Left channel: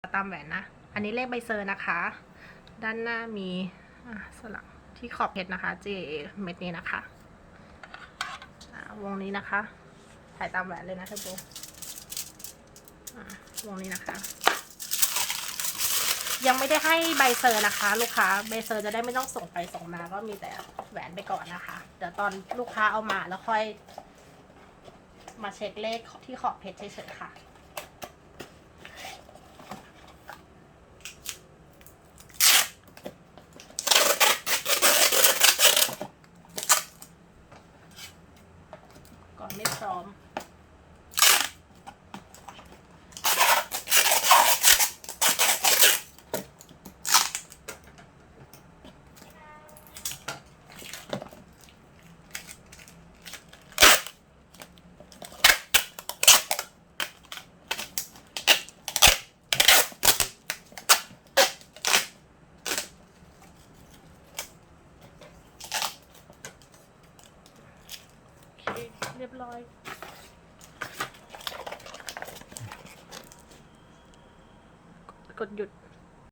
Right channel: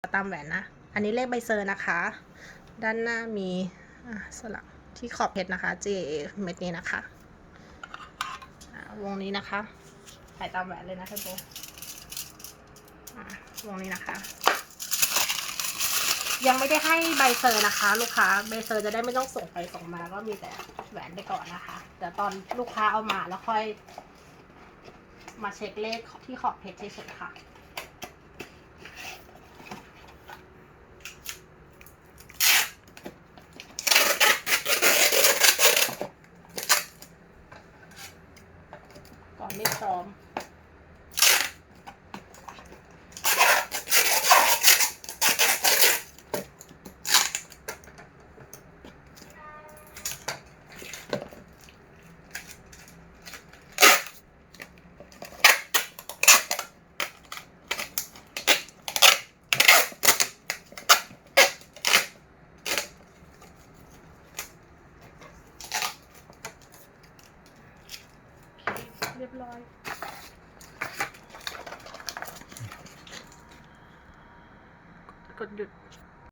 ตามแหวนนะ อันนี้เลขใบเซอร์นะคะ ด้านหน้ามีสลักที่ขอบเพชรนะคะ JA เม็ดนี้นะคะ วงนี้นะคะ ถ่ายตามแหวนเลยนะเทปโบวงนี้นะคะ ยังไม่ได้ให้ใบเซอร์นะคะ ลูกค้า ใบเซอร์จะได้ไม่ต้องส่งไปส่งมา ก็มีแต่แหวนไปก่อนนะคะ เดี๋ยวตอนลูกค้าเอามาแล้วค่อย มาเช็คเลขที่ขอบเพชรเฉยๆค่ะ ไม่พร้อม เรียบร้อย กดหยุด